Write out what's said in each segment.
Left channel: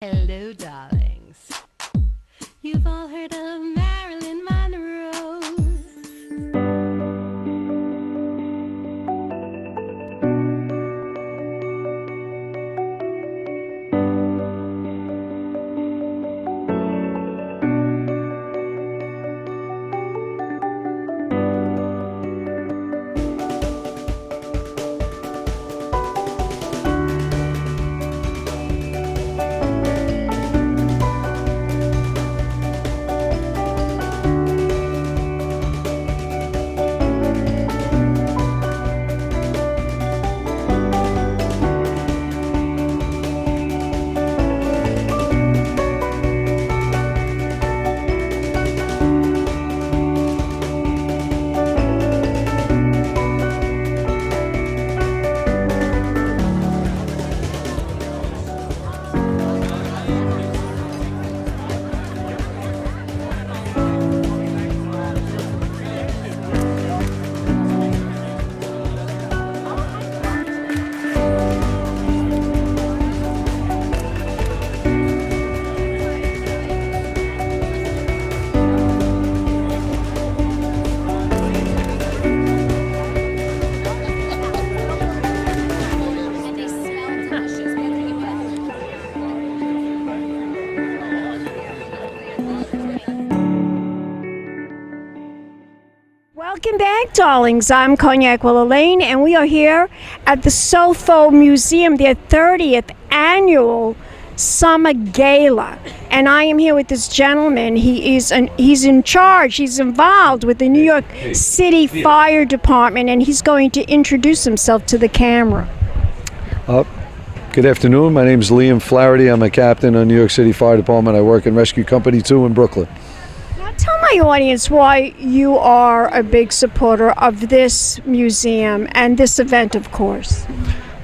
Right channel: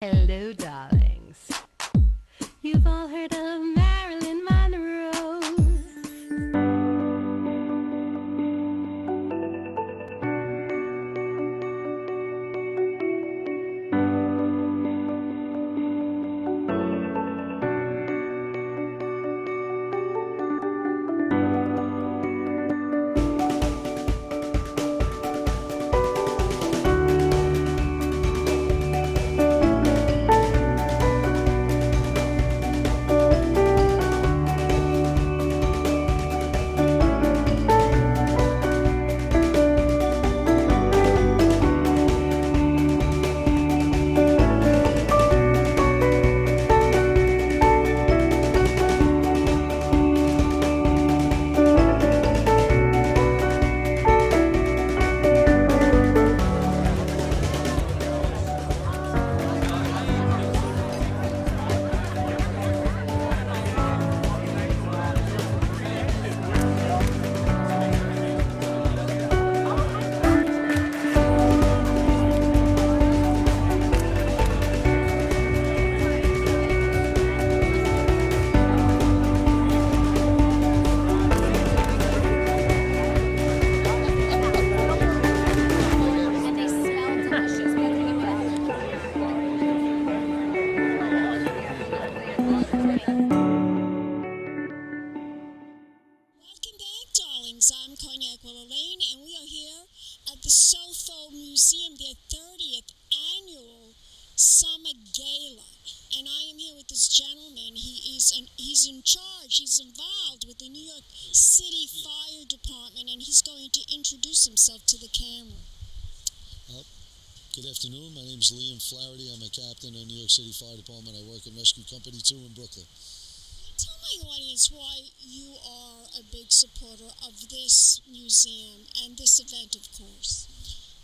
Hello, darlings. You've all heard of Marilyn Monroe. Welcome back, darlings. I'm Cognac Wellerlane, and we are here at the SOFO Museum, their 30th annual Summer Gala. And I am here with this gentleman. He's in charge. He's involved with the New York City Fire Department, and he's going to introduce himself to the camera. Good afternoon. My name is Liam Flaherty. I'm a captain on New York City Fire Department. I work in Rescue Company 2 in Brooklyn. Tell my audience why you are a big supporter of this museum and this event, of course.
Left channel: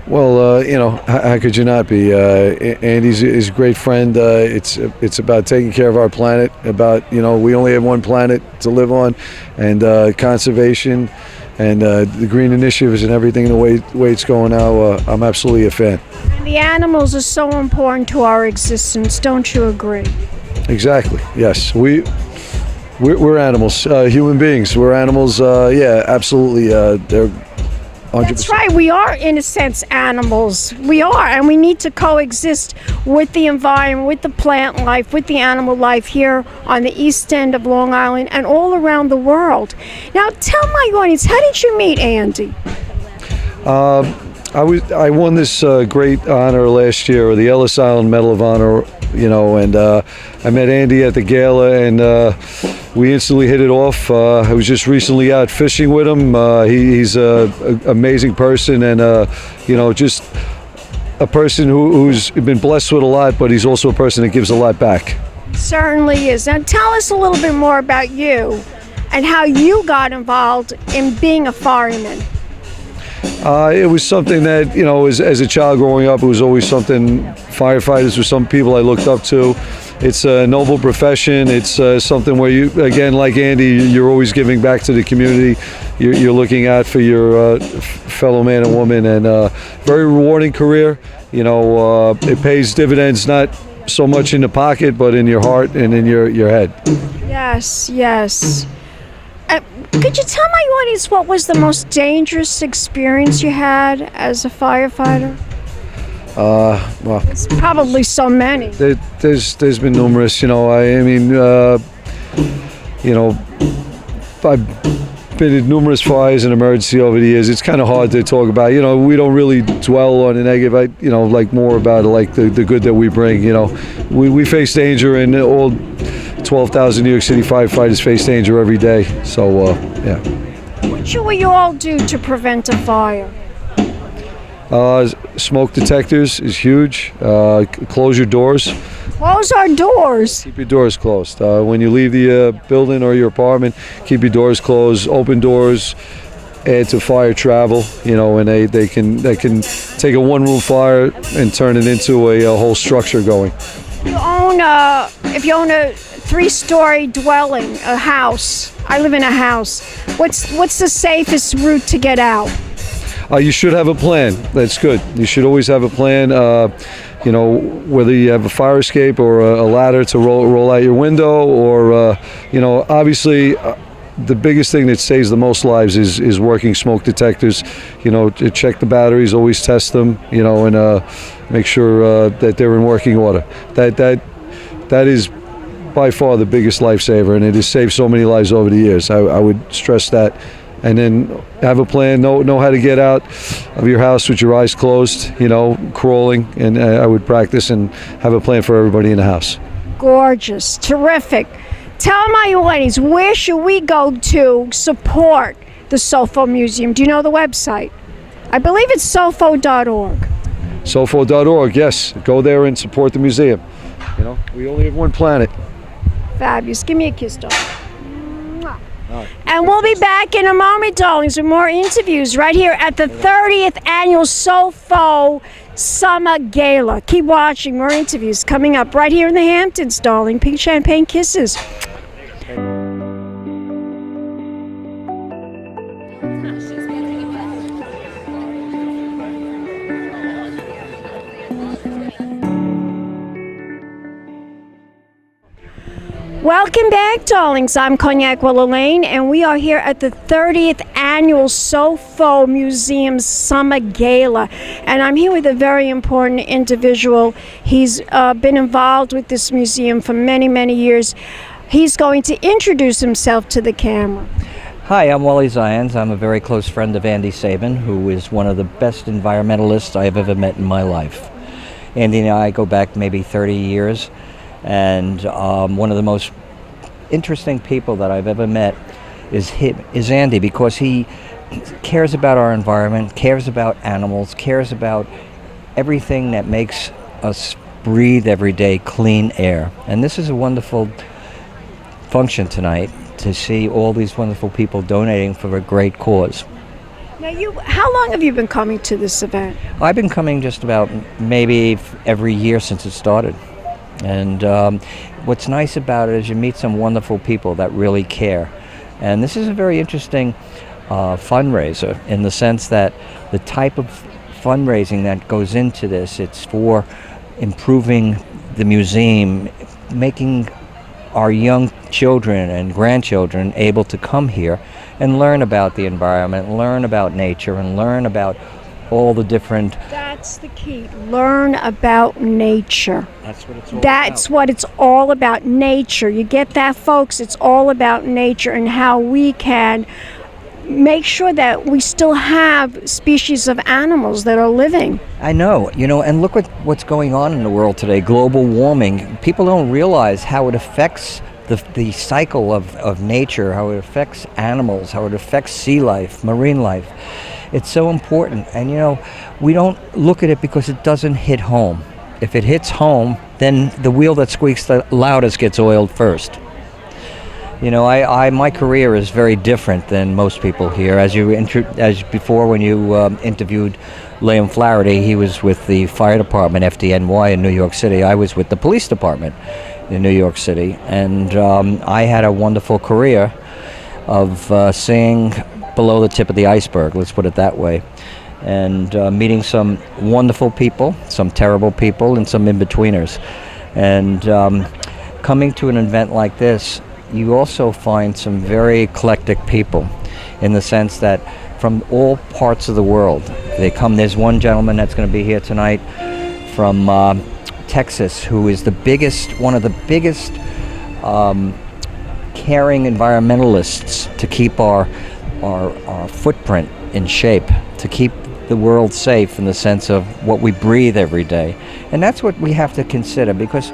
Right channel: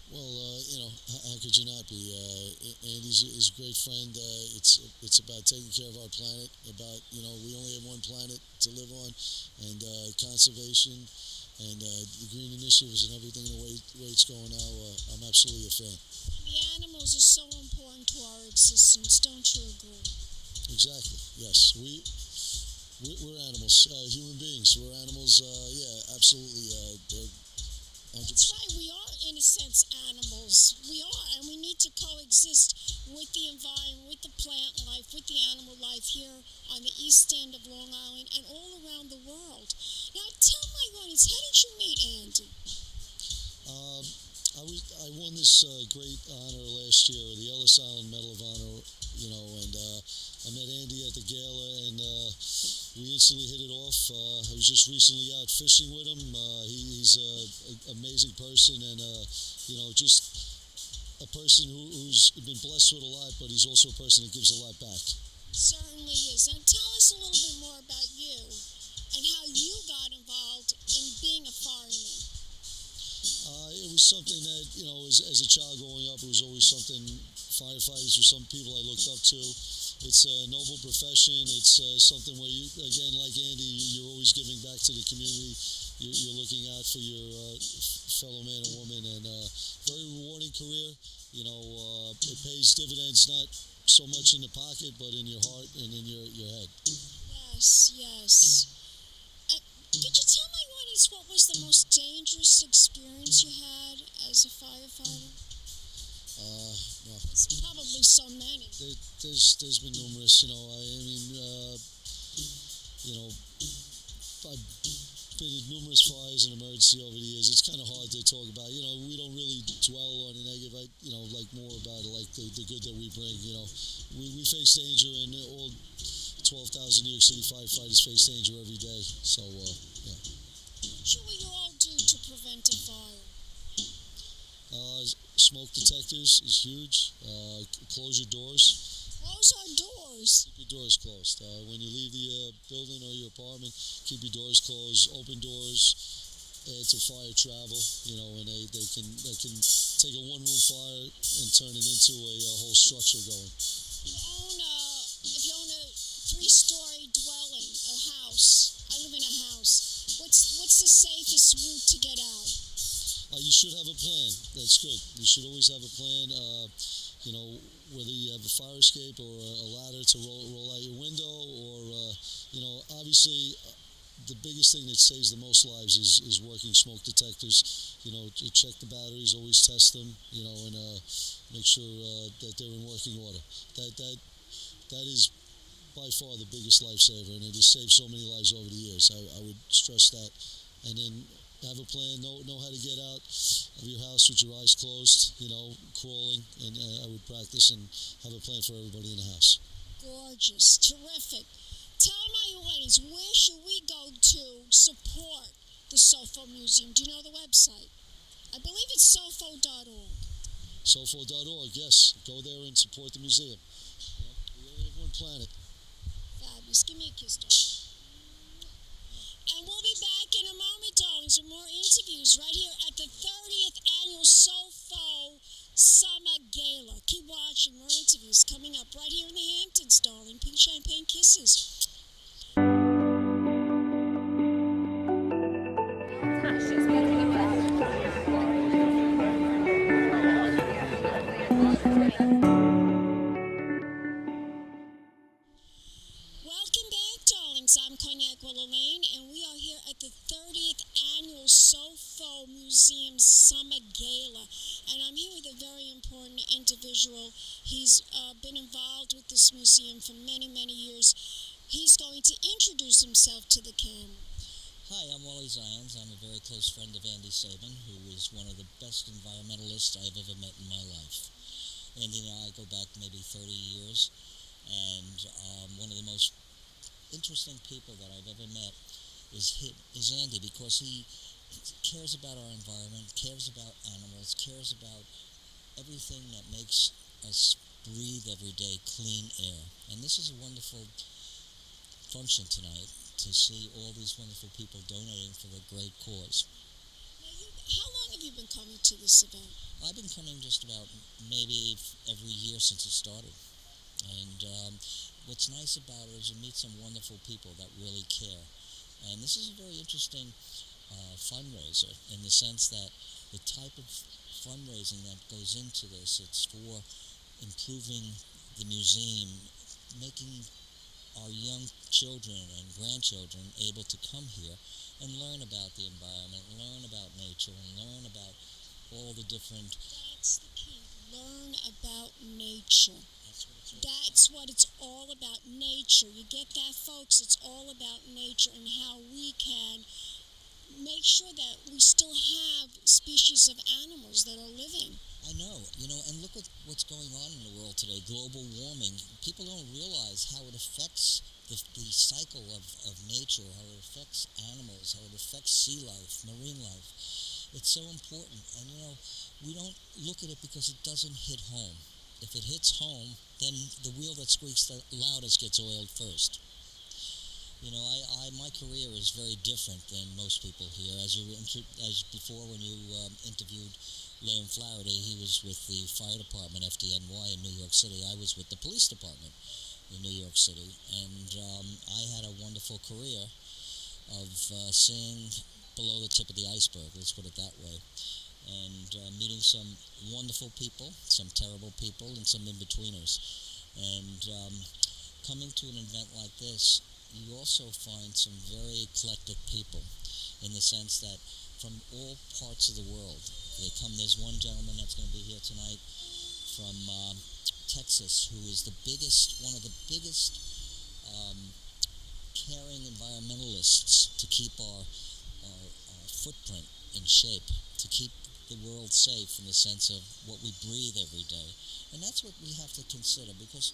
Well, how could you not be? Andy's is a great friend. It's about taking care of our planet, about, we only have one planet to live on, and conservation and the green initiatives and everything the way it's going now. I'm absolutely a fan. And the animals are so important to our existence, don't you agree? Exactly, yes. We're animals, human beings. We're animals, yeah, absolutely. They're 100%. That's right. We are, in a sense, animals. We are, and we need to coexist with the environment, with the plant life, with the animal life here on the east end of Long Island and all around the world. Now, tell my audience, how did you meet Andy? I won this great honor last year, the Ellis Island Medal of Honor, and I met Andy at the gala, and we instantly hit it off. I was just recently out fishing with him. He's an amazing person, and just a person who's been blessed with a lot, but he's also a person that gives a lot back. Certainly is. Now tell us a little bit more about you and how you got involved in being a fireman. It was something that, as a child growing up, it was always something. Firefighters were some people I looked up to. It's a noble profession. It's something where you, again, like Andy, you're always giving back to the community. You're looking out for your fellow man and woman, and very rewarding career. It pays dividends, not so much in the pocket, but in your heart and in your head. Yes, yes. Could you tell my audience what was the most dangerous experience you had as a firefighter? Well, it's probably so many. There's been numerous. I've been in numerous fires and emergency over the years. It's kind of hard to talk about. We don't really dwell on the negative. Like more about the good that we bring. We face danger, and all 12,000 New York City firefighters face danger every day. So, yeah. What should we all do to prevent a fire? Smoke detectors is huge. Close your doors. Close our doors. Keep your doors closed. When you leave the building or your apartment, keep your doors closed. Open doors add to fire travel. And they can take a one-room fire and turn it into a whole structure going. If you own a 3-story dwelling, a house. I live in a house. What's the safest route to get out? You should have a plan. That's good. You should always have a plan. you know, whether you have a fire escape or a ladder to roll out your window, or you know, obviously. The biggest thing that saves the most lives is working smoke detectors. You know, to check the batteries, always test them. You know, and make sure that they're in working order. That is by far the biggest lifesaver, and it has saved so many lives over the years. I would stress that. And then have a plan. Know how to get out of your house with your eyes closed. You know, crawling. And I would practice and have a plan for everybody in the house. Gorgeous, terrific. Tell my audience, where should we go to support the SOFO Museum? Do you know the website? I believe it's sofo.org. Sofo.org, yes. Go there and support the museum. You know, we only have one planet. Fabulous. Give me a kiss, darling. And we'll be back in a moment, darlings, with more interviews right here at the 30th Annual SOFO Summer Gala. Keep watching. More interviews coming up right here in the Hamptons, darling. Pink champagne kisses. Welcome back, darlings. I'm Cognac Wellerlane, and we are here at the 30th Annual SOFO Museum's Summer Gala. And I'm here with a very important individual. He's been involved with this museum for many, many years. He's going to introduce himself to the camera. Hi, I'm Wally Zions. I'm a very close friend of Andy Sabin, who is one of the best environmentalists I have ever met in my life. Andy and I go back maybe 30 years. And one of the most interesting people that I've ever met is Andy, because he cares about our environment, cares about animals, cares about everything that makes us breathe every day clean air. And this is a wonderful function tonight to see all these wonderful people donating for a great cause. Now, how long have you been coming to this event? I've been coming just about maybe every year since it started. And what's nice about it is you meet some wonderful people that really care. And this is a very interesting fundraiser in the sense that the type of fundraising that goes into this, it's for improving the museum, making our young children and grandchildren able to come here and learn about the environment, learn about nature, and learn about all the different... That's the key. Learn about nature. That's what it's all That's about. what it's all about, nature. You get that, folks? It's all about nature and how we can make sure that we still have species of animals that are living. I know, and look what's going on in the world today, global warming. People don't realize how it affects the cycle of nature, how it affects animals, how it affects sea life, marine life. It's so important, and we don't look at it because it doesn't hit home. If it hits home, then the wheel that squeaks the loudest gets oiled first. My career is very different than most people here. As before, when you interviewed Liam Flaherty, he was with the fire department, FDNY, in New York City. I was with the police department in New York City, and I had a wonderful career of seeing below the tip of the iceberg, let's put it that way, and meeting some wonderful people, some terrible people, and some in-betweeners. And coming to an event like this, you also find some very eclectic people, in the sense that from all parts of the world they come. There's one gentleman that's going to be here tonight from Texas, who is one of the biggest caring environmentalists to keep our footprint in shape, to keep the world safe in the sense of what we breathe every day. And that's what we have to consider, because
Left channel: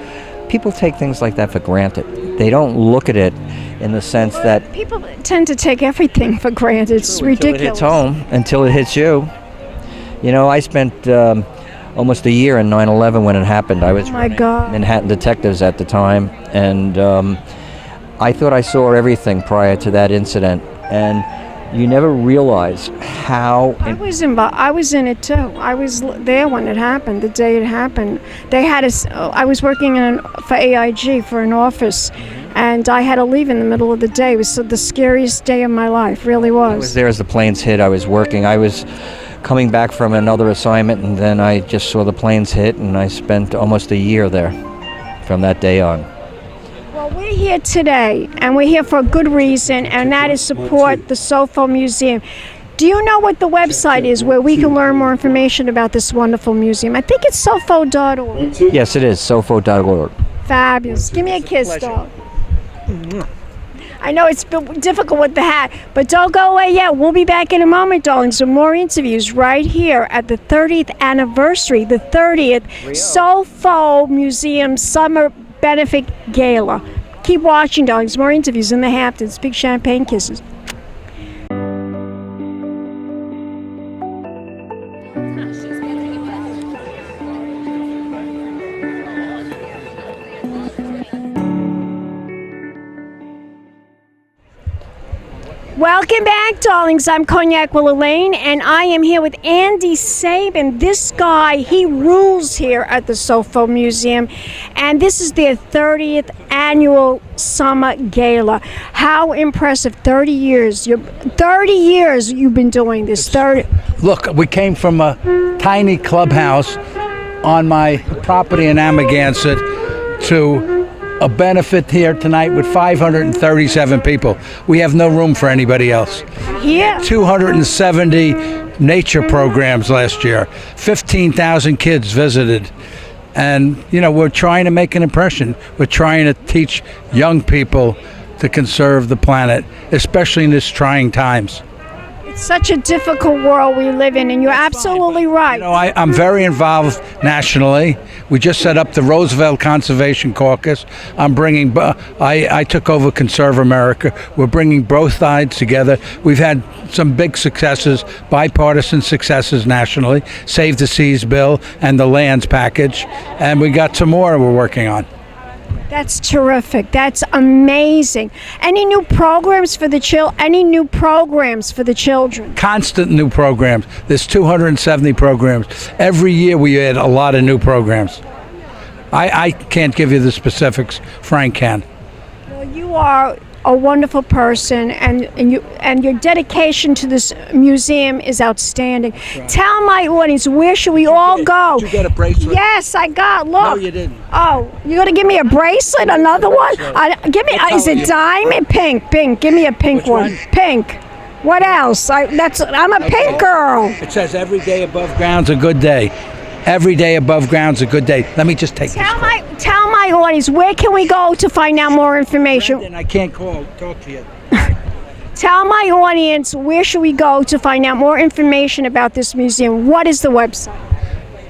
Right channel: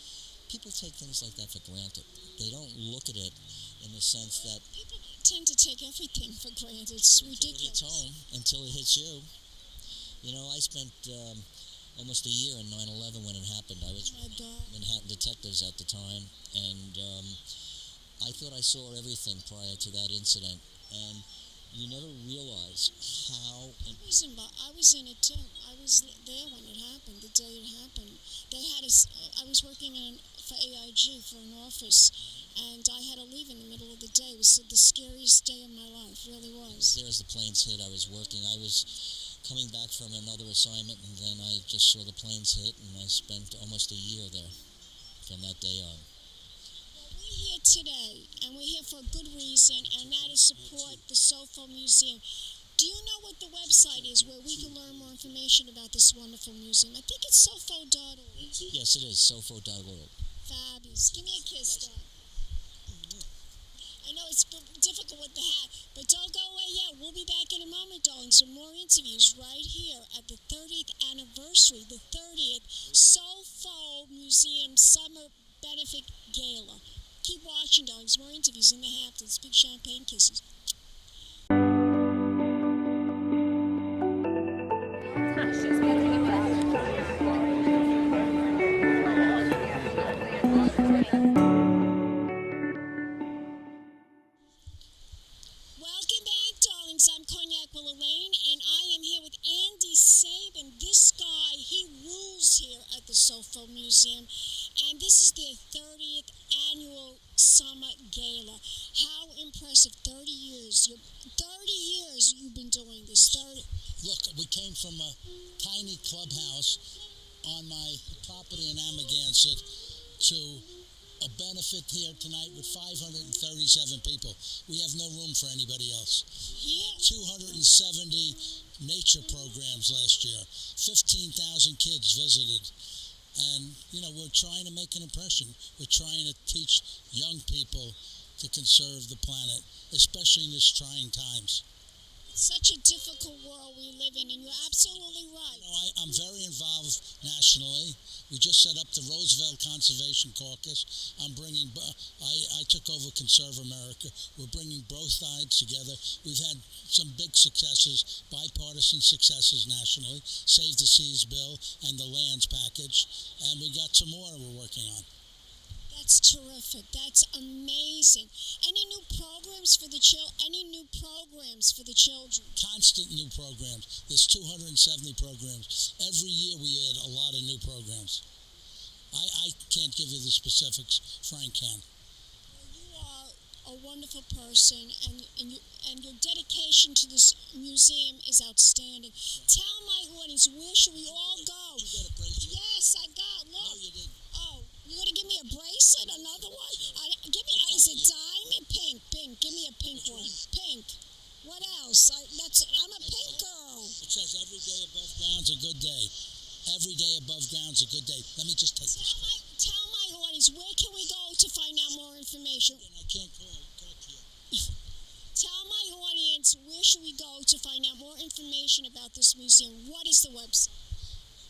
people take things like that for granted. They don't look at it in the sense that... People tend to take everything for granted. It's ridiculous. Until it hits home, I spent almost a year in 9/11 when it happened. I was running Manhattan Detectives at the time, and I thought I saw everything prior to that incident. And you never realize how... I was in it too. I was there when it happened, the day it happened. I was working for AIG for an office, and I had to leave in the middle of the day. It was the scariest day of my life, really was. I was there as the planes hit. I was working. I was coming back from another assignment, and then I just saw the planes hit, and I spent almost a year there from that day on. Well, we're here today, and we're here for a good reason, and that is support the SOFO Museum. Do you know what the website is where we can learn more information about this wonderful museum? I think it's sofo.org. Yes, it is, sofo.org. Fabulous. Give me a kiss, dog. I know it's difficult with the hat, but don't go away yet. We'll be back in a moment, darlings, with more interviews right here at the 30th anniversary, the 30th SOFO Museum Summer Benefit Gala. Keep watching, darlings. More interviews in the Hamptons. Big champagne kisses. Welcome back, darlings. I'm Cognac Wellerlane, and I am here with Andy Sabin. This guy, he rules here at the SOFO Museum, and this is their 30th annual Summer Gala. How impressive. 30 years. 30 years you've been doing this. 30. Look, we came from a tiny clubhouse on my property in Amagansett to a benefit here tonight with 537 people. We have no room for anybody else. Yeah. 270 nature programs last year. 15,000 kids visited. And, you know, we're trying to make an impression. We're trying to teach young people to conserve the planet, especially in these trying times. It's such a difficult world we live in, and you're absolutely right. You know, I'm very involved nationally. We just set up the Roosevelt Conservation Caucus. I took over Conserve America. We're bringing both sides together. We've had some big successes, bipartisan successes nationally, Save the Seas bill and the lands package, and we got some more we're working on. That's terrific. That's amazing. Any new programs for the children? Constant new programs. There's 270 programs. Every year we add a lot of new programs. I can't give you the specifics. Frank can. Well, you are a wonderful person, and your dedication to this museum is outstanding. Right. Tell my audience, where should we all go? Did you get a bracelet? Yes, I got. Look. No, you didn't. Oh, you're gonna give me a bracelet? Another one? Give me. Is it diamond? Pink. Give me a pink one. Pink. What else? I'm a pink girl. It says every day above ground's a good day. Every day above ground's a good day. Let me just take this. Tell my audience, where can we go to find out more information? Brendan, I can't talk to you. Tell my audience, where should we go to find out more information about this museum? What is the website?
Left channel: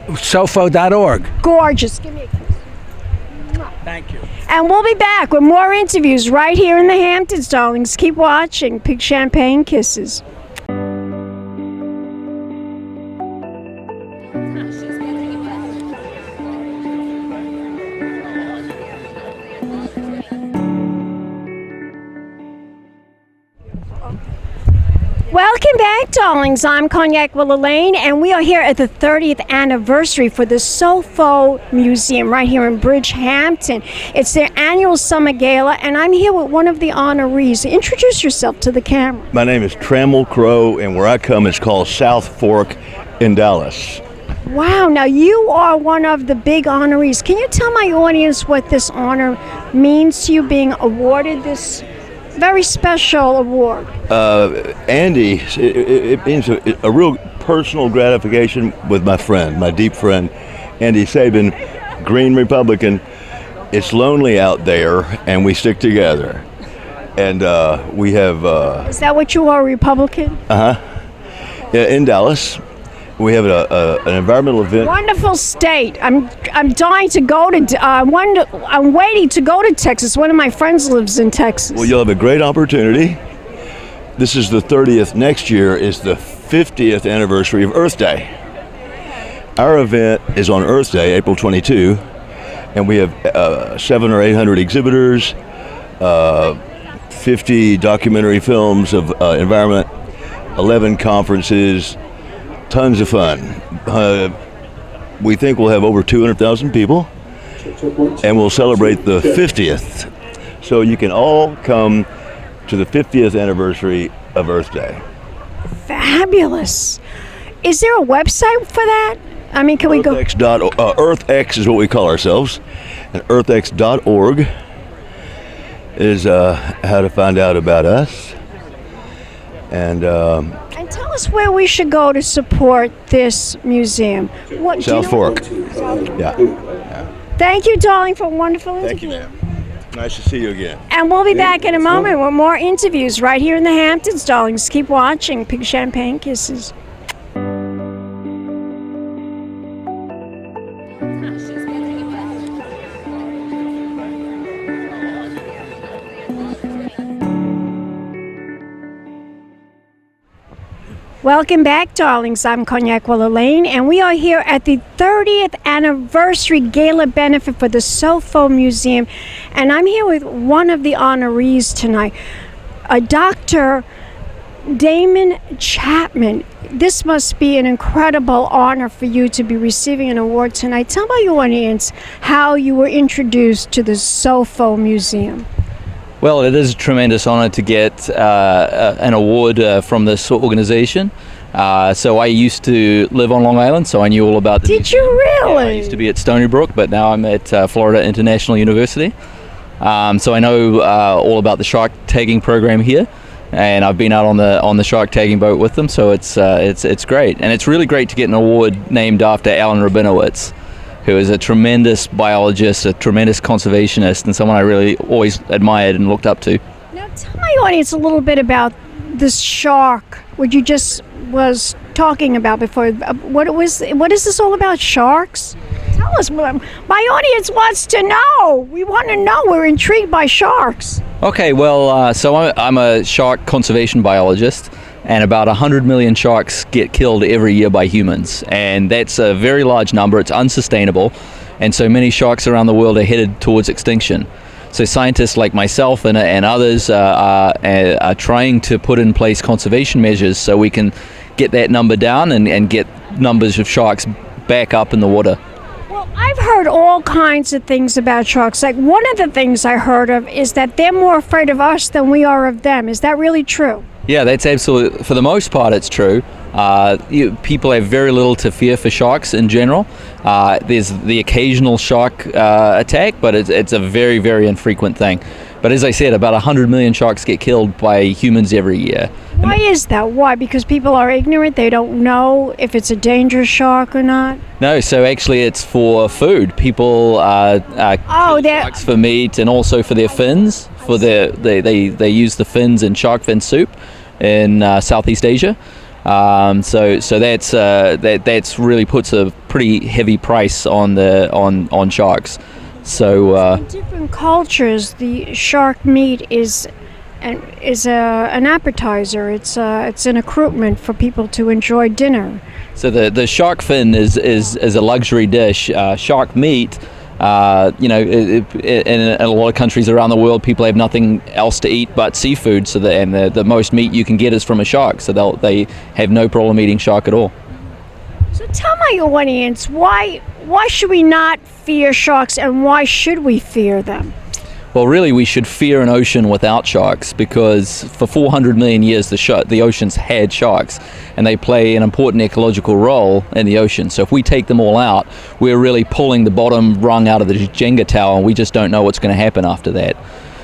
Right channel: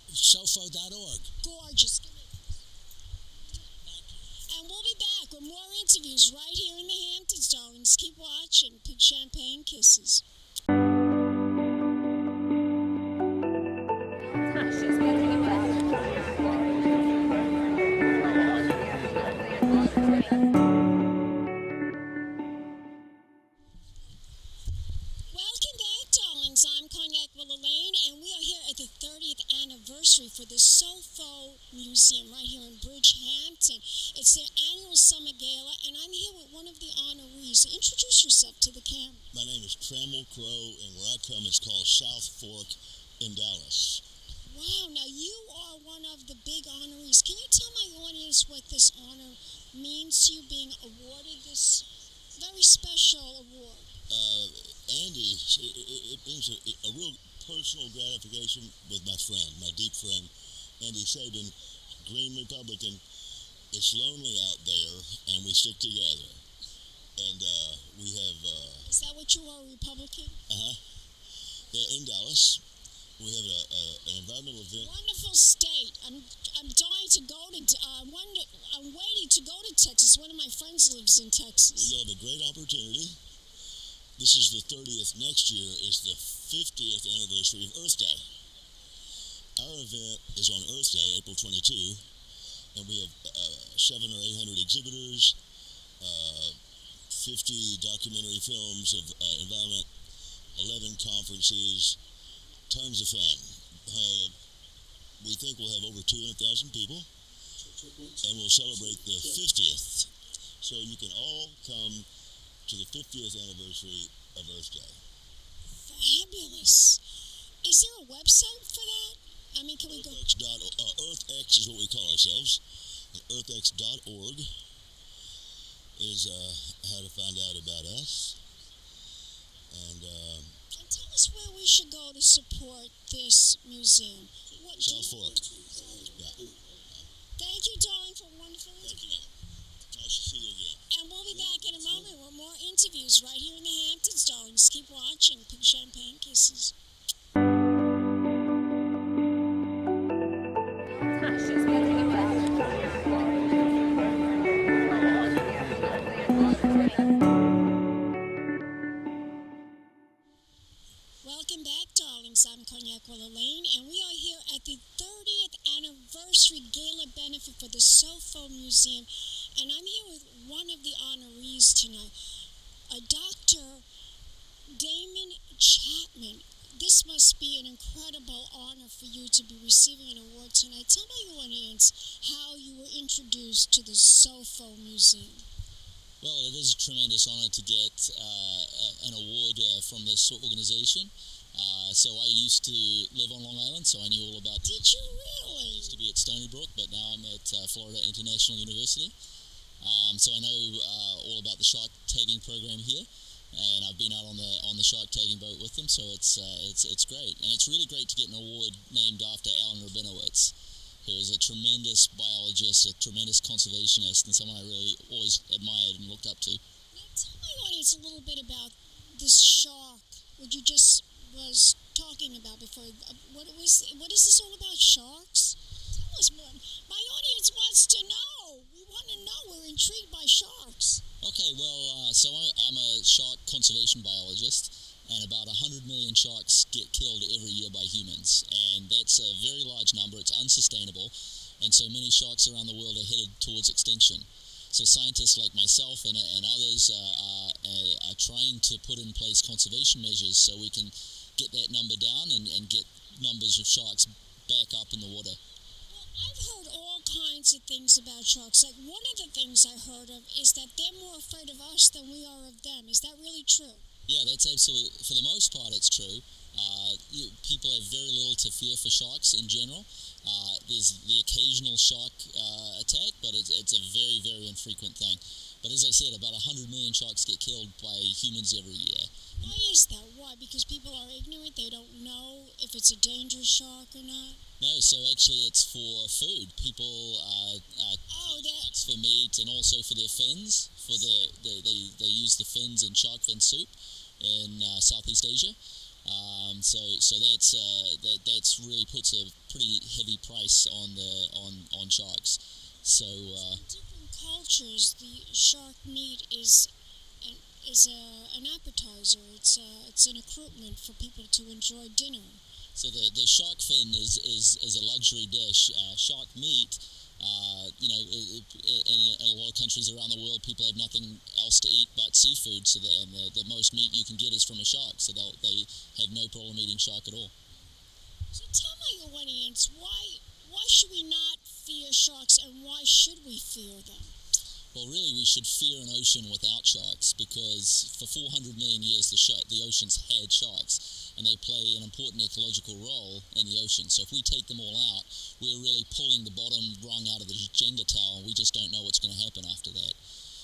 Sofo.org. Gorgeous. Give me a kiss. Thank you. And we'll be back with more interviews right here in the Hamptons, darlings. Keep watching. Big champagne kisses. Welcome back, darlings. I'm Cognac Wellerlane, and we are here at the 30th anniversary for the SOFO Museum right here in Bridgehampton. It's their annual summer gala, and I'm here with one of the honorees. Introduce yourself to the camera. My name is Trammell Crow, and where I come is called South Fork in Dallas. Wow, now you are one of the big honorees. Can you tell my audience what this honor means to you, being awarded this very special award? Andy, it means a real personal gratification with my friend, my deep friend, Andy Sabin, Green Republican. It's lonely out there, and we stick together. And we have... Is that what you are, Republican? Uh-huh. Yeah, in Dallas. We have an environmental event. Wonderful state. I'm dying to go to. I'm waiting to go to Texas. One of my friends lives in Texas. Well, you'll have a great opportunity. This is the 30th. Next year is the 50th anniversary of Earth Day. Our event is on Earth Day, April 22, and we have 700 or 800 exhibitors, 50 documentary films of environment, 11 conferences. Tons of fun. We think we'll have over 200,000 people, and we'll celebrate the 50th. So you can all come to the 50th anniversary of Earth Day. Fabulous. Is there a website for that? I mean, can we go? EarthX is what we call ourselves, and earthx.org is how to find out about us. And tell us where we should go to support this museum. What, South Fork. Yeah. Thank you, darling, for a wonderful interview. Thank you, ma'am. Nice to see you again. And we'll be back in a moment with more interviews right here in the Hamptons, darlings. Keep watching. Pink Champagne Kisses. Welcome back, darlings. I'm Cognac Wellerlane, and we are here at the 30th Anniversary Gala Benefit for the SOFO Museum. And I'm here with one of the honorees tonight, Dr. Demian Chapman. This must be an incredible honor for you to be receiving an award tonight. Tell my audience how you were introduced to the SOFO Museum. Well, it is a tremendous honor to get an award from this organization. So I used to live on Long Island, so I knew all about the Did you really? Yeah, I used to be at Stony Brook, but now I'm at Florida International University. So I know all about the shark tagging program here, and I've been out on the shark tagging boat with them. So it's great, and it's really great to get an award named after Alan Rabinowitz, who is a tremendous biologist, a tremendous conservationist, and someone I really always admired and looked up to. Now tell my audience a little bit about this shark, what you just was talking about before. What is this all about, sharks? Tell us. My audience wants to know. We want to know. We're intrigued by sharks. Okay, well, so I'm a shark conservation biologist, and about 100 million sharks get killed every year by humans, and that's a very large number. It's unsustainable, and so many sharks around the world are headed towards extinction. So scientists like myself and others are trying to put in place conservation measures so we can get that number down and get numbers of sharks back up in the water. Well, I've heard all kinds of things about sharks. Like, one of the things I heard of is that they're more afraid of us than we are of them. Is that really true? Yeah, that's absolutely, for the most part, it's true. People have very little to fear for sharks in general. There's the occasional shark attack, but it's a very, very infrequent thing. But as I said, about 100 million sharks get killed by humans every year. Why is that? Why? Because people are ignorant? They don't know if it's a dangerous shark or not? No, so actually it's for food. People kill sharks for meat and also for their fins. They use the fins in shark fin soup in Southeast Asia. So that's really puts a pretty heavy price on sharks. So in different cultures, the shark meat is an appetizer. It's an accoutrement for people to enjoy dinner. So the shark fin is a luxury dish. Shark meat, in a lot of countries around the world, people have nothing else to eat but seafood. So the most meat you can get is from a shark. So they have no problem eating shark at all. So tell my audience, why should we not fear sharks, and why should we fear them? Well, really, we should fear an ocean without sharks, because for 400 million years the oceans had sharks, and they play an important ecological role in the ocean. So if we take them all out, we're really pulling the bottom rung out of the Jenga tower, and we just don't know what's going to happen after that.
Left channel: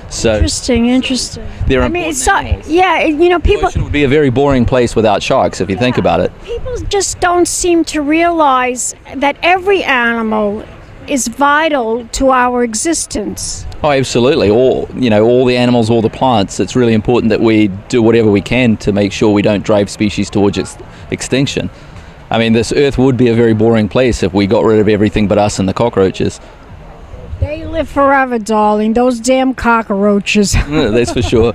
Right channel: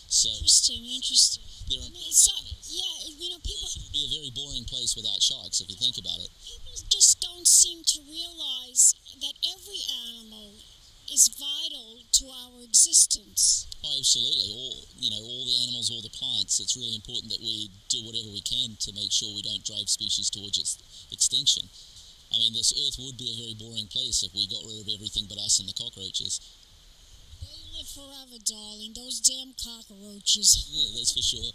So interesting. They're people. The ocean would be a very boring place without sharks if you think about it. People just don't seem to realize that every animal is vital to our existence. Oh, absolutely. All the animals, all the plants. It's really important that we do whatever we can to make sure we don't drive species towards extinction. I mean, this Earth would be a very boring place if we got rid of everything but us and the cockroaches. They live forever, darling. Those damn cockroaches. That's for sure.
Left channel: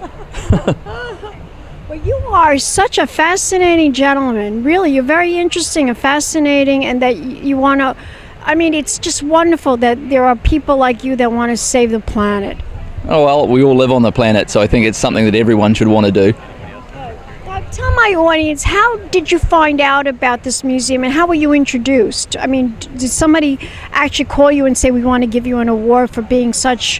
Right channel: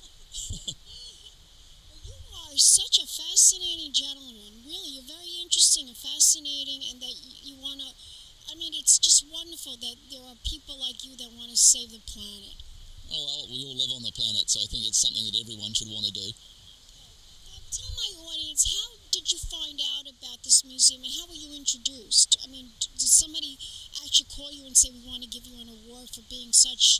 Well, you are such a fascinating gentleman. Really, you're very interesting and fascinating, and that you want to... I mean, it's just wonderful that there are people like you that want to save the planet. Oh, well, we all live on the planet, so I think it's something that everyone should want to do. Now, tell my audience, how did you find out about this museum, and how were you introduced? I mean, did somebody actually call you and say, we want to give you an award for being such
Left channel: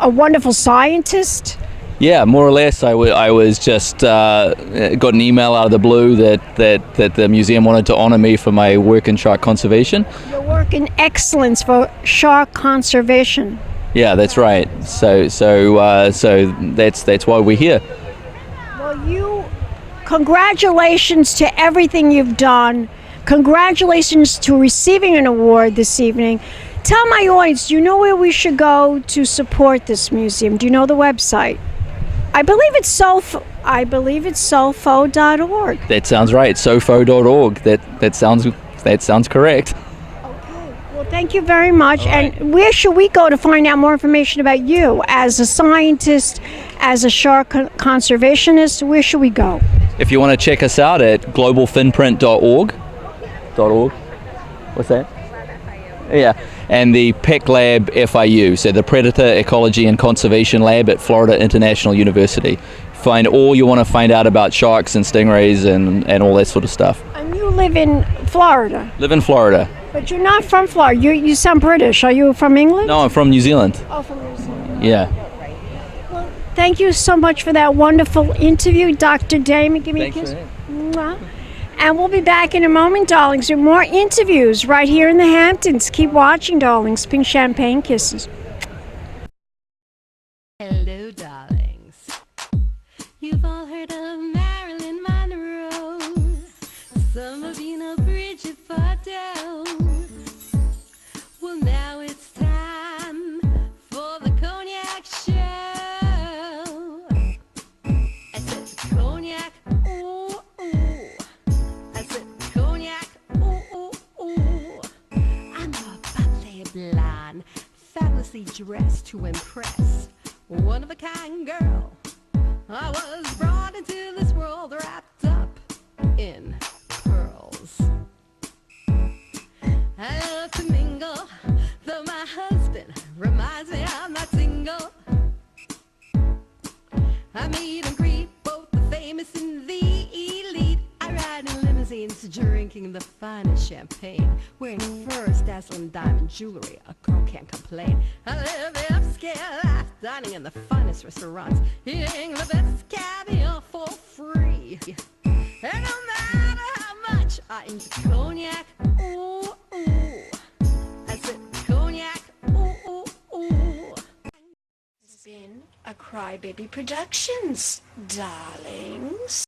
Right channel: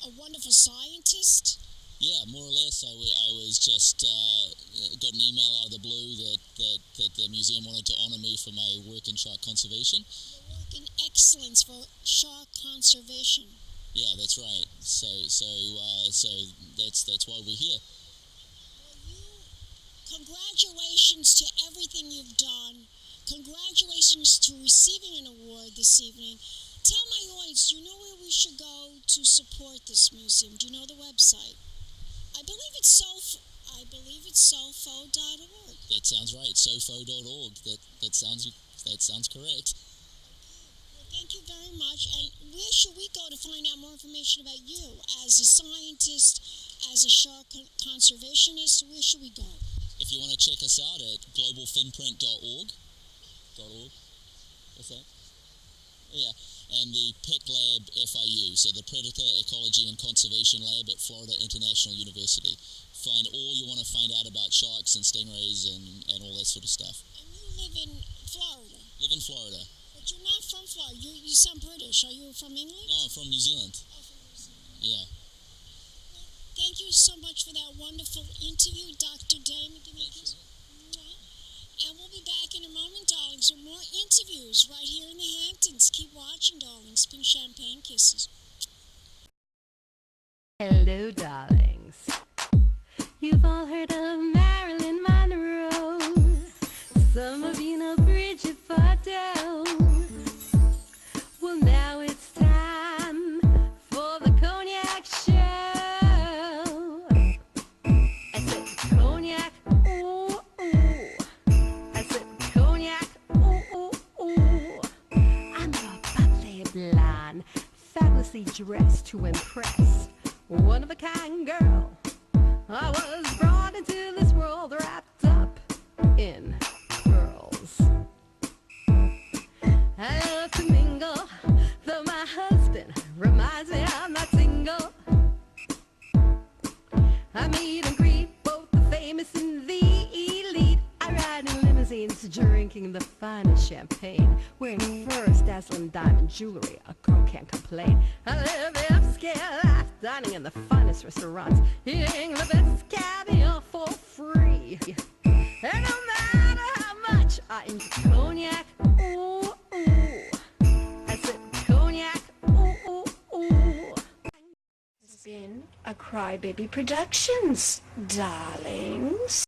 a wonderful scientist? Yeah, more or less. I was just got an email out of the blue that the museum wanted to honor me for my work in shark conservation. Your work in excellence for shark conservation. Yeah, that's right. So that's why we're here. Well, congratulations to everything you've done. Congratulations to receiving an award this evening. Tell my audience, do you know where we should go to support this museum? Do you know the website? I believe it's SOFO. I believe it's SOFO.org. That sounds right. SOFO.org. That sounds correct. Okay. Well, thank you very much. And where should we go to find out more information about you as a scientist, as a shark conservationist? Where should we go? If you want to check us out at globalfinprint.org. What's that? Yeah. And the PEC Lab FIU, so the Predator Ecology and Conservation Lab at Florida International University. Find all you want to find out about sharks and stingrays and all that sort of stuff. And you live in Florida? Live in Florida. But you're not from Florida. You sound British. Are you from England? No, I'm from New Zealand. Oh, from New Zealand. Yeah. Well, thank you so much for that wonderful interview, Dr. Demian. Give me a Thanks kiss. for Mwah. And we'll be back in a moment, darlings, with more interviews right here in the Hamptons. Keep watching, darlings. Pink champagne kisses. Hello, darlings. You've all heard of Marilyn Monroe. Some of you know Bridget Bardot. Well, now it's time for the Cognac show. I said cognac, ooh, ooh. I said cognac, ooh, ooh, ooh. I'm a bubbly blonde, fabulously dressed to impress. One of a kind girl. I was brought into this world wrapped up in pearls. I love to mingle, though my husband reminds me I'm not single. I meet and greet both the famous and the elite. I ride in limousines, drinking the finest champagne, wearing furs, dazzling diamond jewelry. A girl can't complain. I live the upscale life, dining in the finest restaurants, eating the best caviar for free. And no matter how much I enjoy cognac, ooh, ooh. I said cognac, ooh, ooh, ooh. It's been a Crybaby Productions, darlings.